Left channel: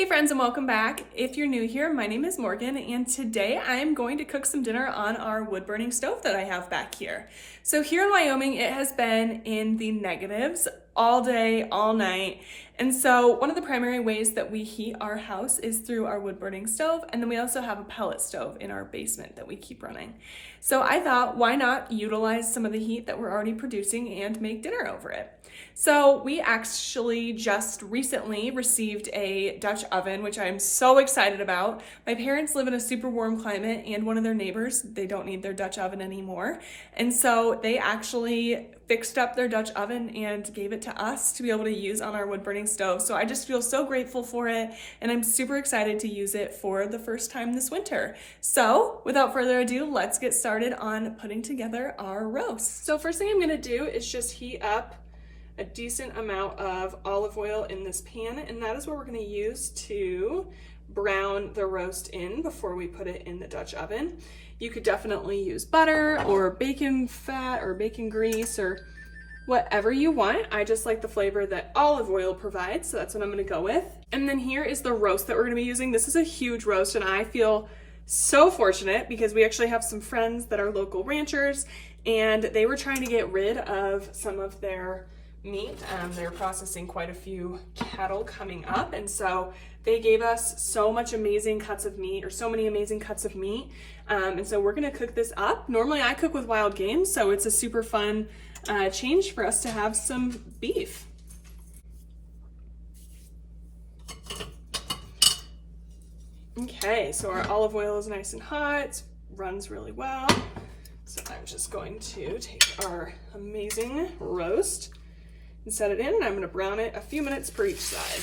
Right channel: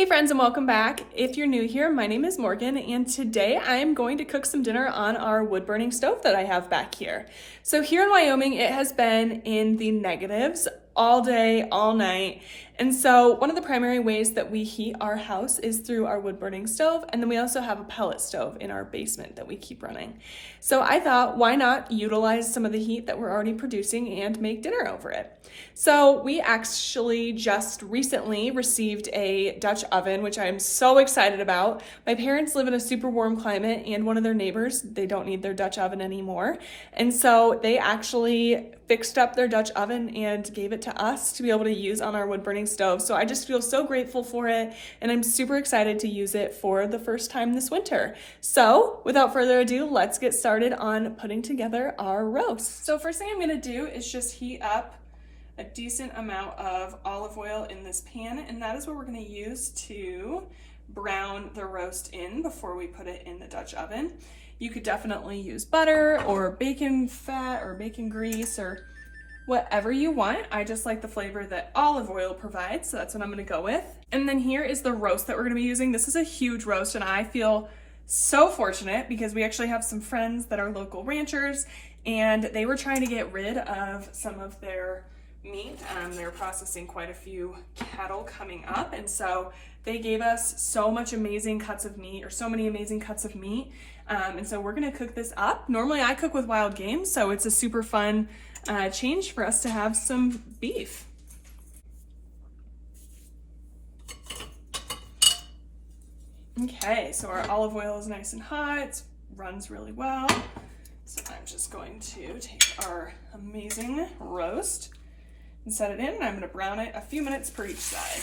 Hey friends, and welcome back. If you're new here, my name is Morgan, and today I'm going to cook some dinner on our wood burning stove that I have back here. So here in Wyoming, it has been in the negatives all day, all night. And so one of the primary ways that we heat our house is through our wood burning stove. And then we also have a pellet stove in our basement that we keep running. So I thought, why not utilize some of the heat that we're already producing and make dinner over it? So we actually just recently received a Dutch oven, which I'm so excited about. My parents live in a super warm climate, and one of their neighbors, they don't need their Dutch oven anymore. And so they actually fixed up their Dutch oven and gave it to us to be able to use on our wood burning stove. So I just feel so grateful for it, and I'm super excited to use it for the first time this winter. So without further ado, let's get started on putting together our roast. So first thing I'm gonna do is just heat up a decent amount of olive oil in this pan, and that is what we're going to use to brown the roast in before we put it in the Dutch oven. You could definitely use butter or bacon fat or bacon grease or whatever you want. I just like the flavor that olive oil provides, so that's what I'm going to go with. And then here is the roast that we're going to be using. This is a huge roast, and I feel so fortunate because we actually have some friends that are local ranchers, and they were trying to get rid of some of their meat. They're processing quite a few cattle coming up, and so they gave us so many amazing cuts of meat. And so we're gonna cook this up. Normally I cook with wild game, so it's a super fun change for us to have some beef. Okay, so our olive oil is nice and hot, it runs really well. So I'm just going to take our amazing roast and set it in, and I'm going to brown it a few minutes per each side.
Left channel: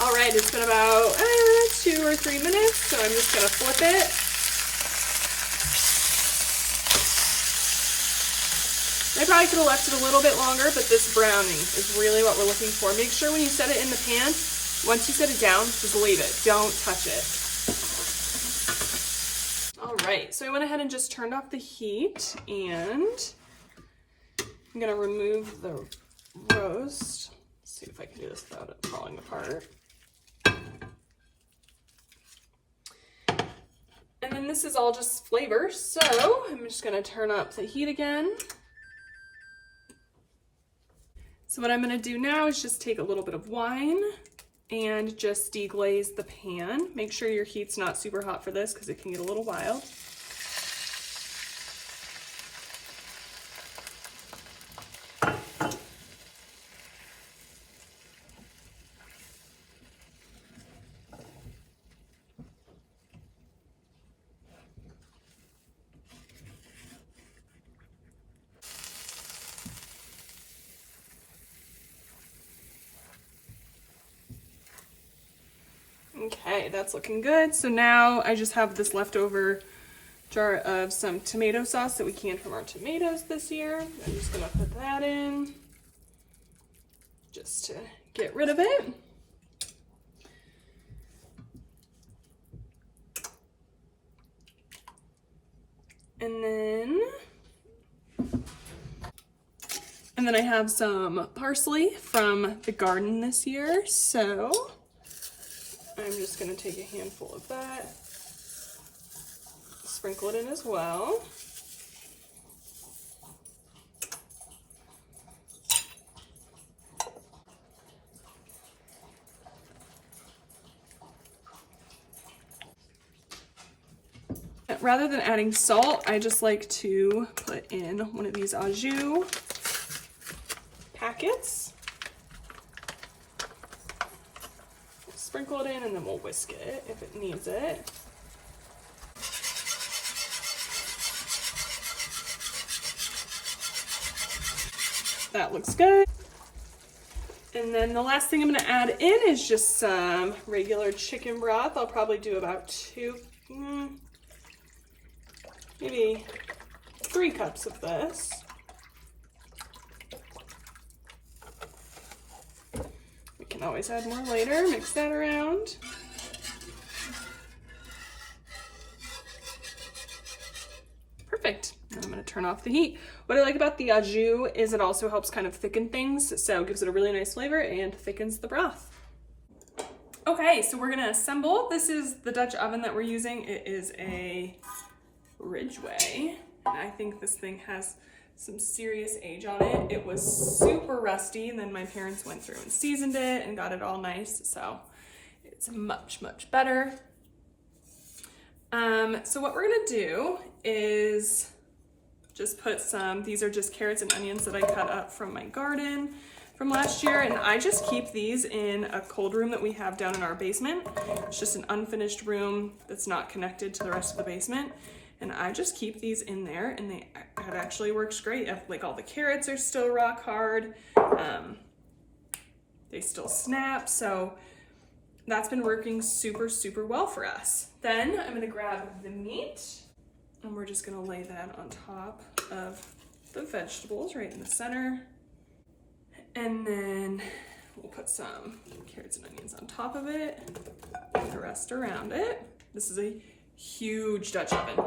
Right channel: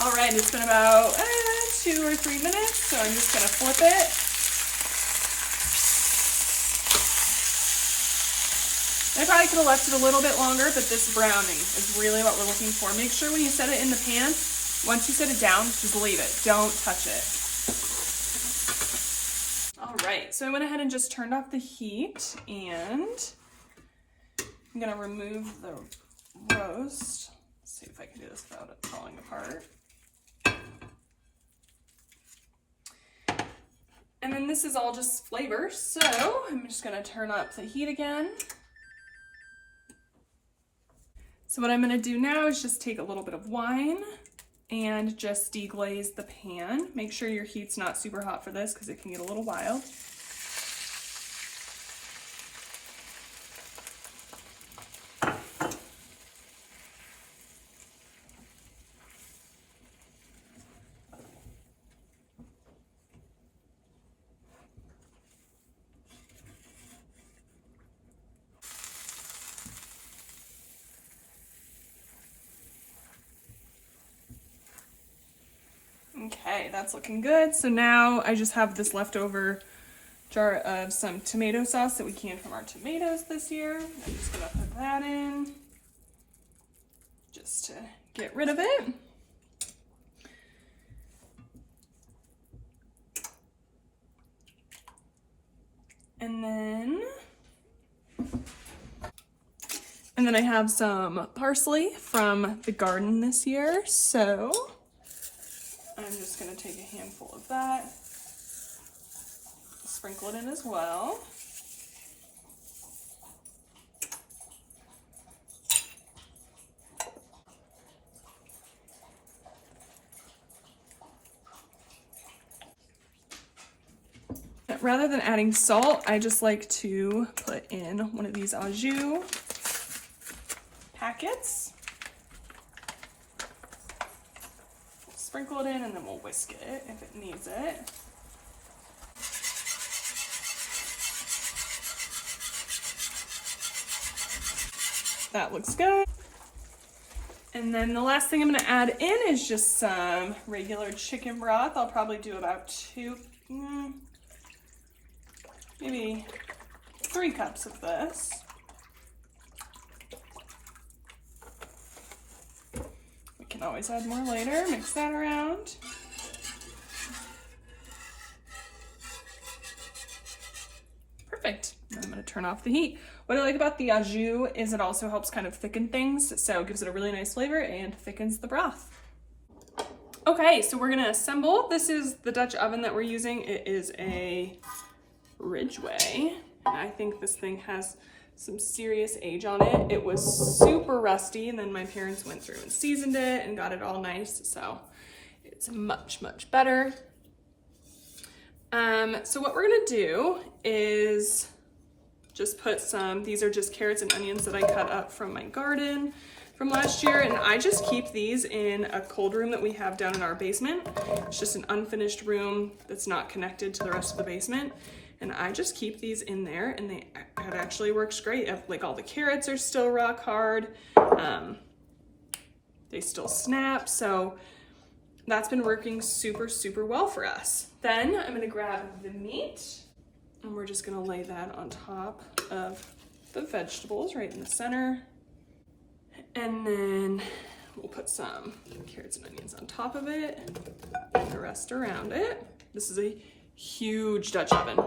All right, it's been about 2 or 3 minutes, so I'm just going to flip it. I probably could have left it a little bit longer, but this browning is really what we're looking for. Make sure when you set it in the pan, once you set it down, just leave it. Don't touch it. All right, so I went ahead and just turned off the heat, and I'm gonna remove the roast. Let's see if I can do this without it falling apart. And then this is all just flavor, so I'm just gonna turn up the heat again. So what I'm gonna do now is just take a little bit of wine and just deglaze the pan. Make sure your heat's not super hot for this because it can get a little wild. Okay, that's looking good. So now I just have this leftover jar of some tomato sauce that we canned from our tomatoes this year. I'm just gonna put that in just to get rid of it. And then I have some parsley from the garden this year, so I'm just going to take a handful of that, sprinkle it in as well. Rather than adding salt, I just like to put in one of these au jus packets. Sprinkle it in, and then we'll whisk it if it needs it. That looks good. And then the last thing I'm going to add in is just some regular chicken broth. I'll probably do about maybe 3 cups of this. Can always add more later. Mix that around. Perfect. And I'm going to turn off the heat. What I like about the au jus is it also helps kind of thicken things, so it gives it a really nice flavor and thickens the broth. Okay, so we're gonna assemble. This is the Dutch oven that we're using. It is a Ridgeway, and I think this thing has some serious age on it. It was super rusty, and then my parents went through and seasoned it and got it all nice, so it's much, much better. So what we're gonna do is just put some, these are just carrots and onions that I cut up from my garden from last year, and I just keep these in a cold room that we have down in our basement. It's just an unfinished room that's not connected to the rest of the basement, and I just keep these in there, and it actually works great. Like, all the carrots are still rock hard, they still snap, so that's been working super, super well for us. Then I'm gonna grab the meat, and we're just gonna lay that on top of the vegetables right in the center. And then we'll put some carrots and onions on top of it and the rest around it. This is a huge Dutch oven.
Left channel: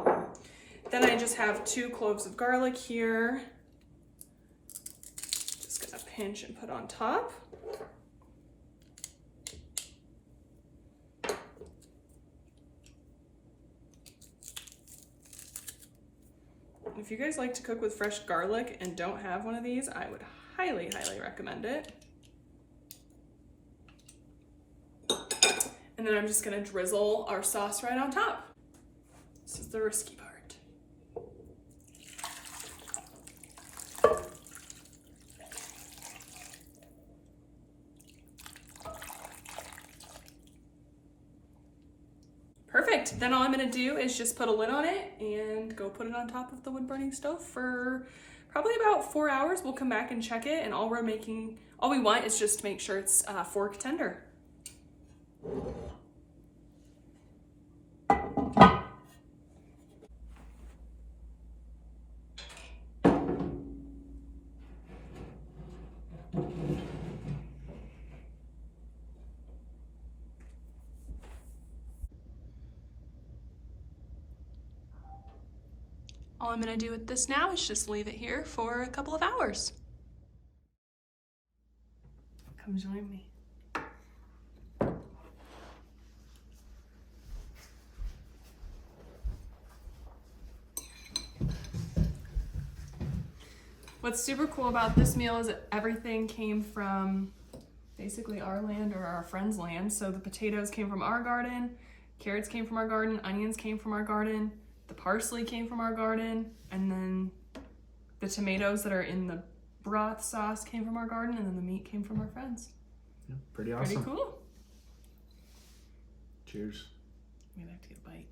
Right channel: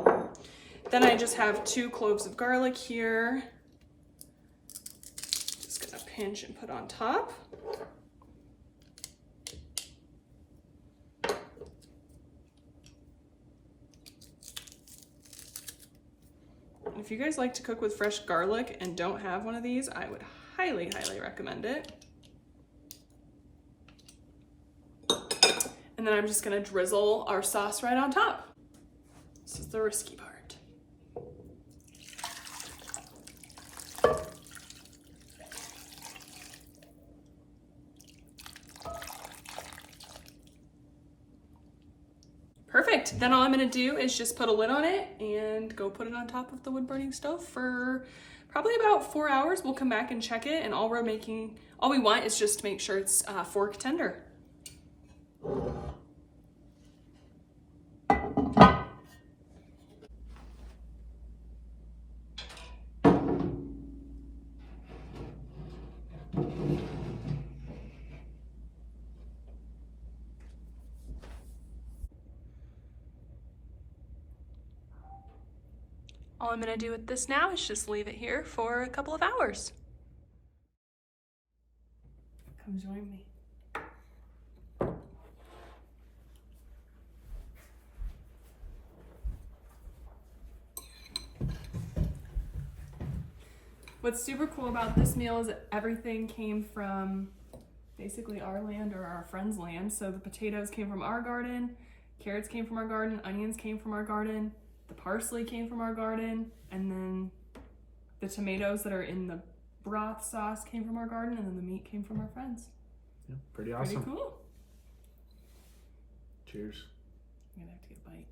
Then I just have 2 cloves of garlic here. Just gonna pinch and put on top. If you guys like to cook with fresh garlic and don't have one of these, I would highly, highly recommend it. And then I'm just gonna drizzle our sauce right on top. This is the risky part. Perfect. Then all I'm gonna do is just put a lid on it and go put it on top of the wood burning stove for probably about 4 hours. We'll come back and check it, and all we want is just to make sure it's fork tender. All I'm gonna do with this now is just leave it here for a couple of hours. Come join me. What's super cool about this meal is that everything came from basically our land or our friend's land. So the potatoes came from our garden, carrots came from our garden, onions came from our garden, the parsley came from our garden, and then the tomatoes that are in the broth sauce came from our garden, and then the meat came from our friends. Yeah, pretty awesome. Pretty cool. Cheers. I'd like to get a bite.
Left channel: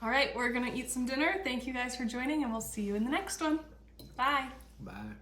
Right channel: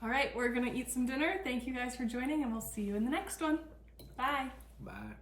All right, we're gonna eat some dinner. Thank you guys for joining, and we'll see you in the next one. Bye. Bye.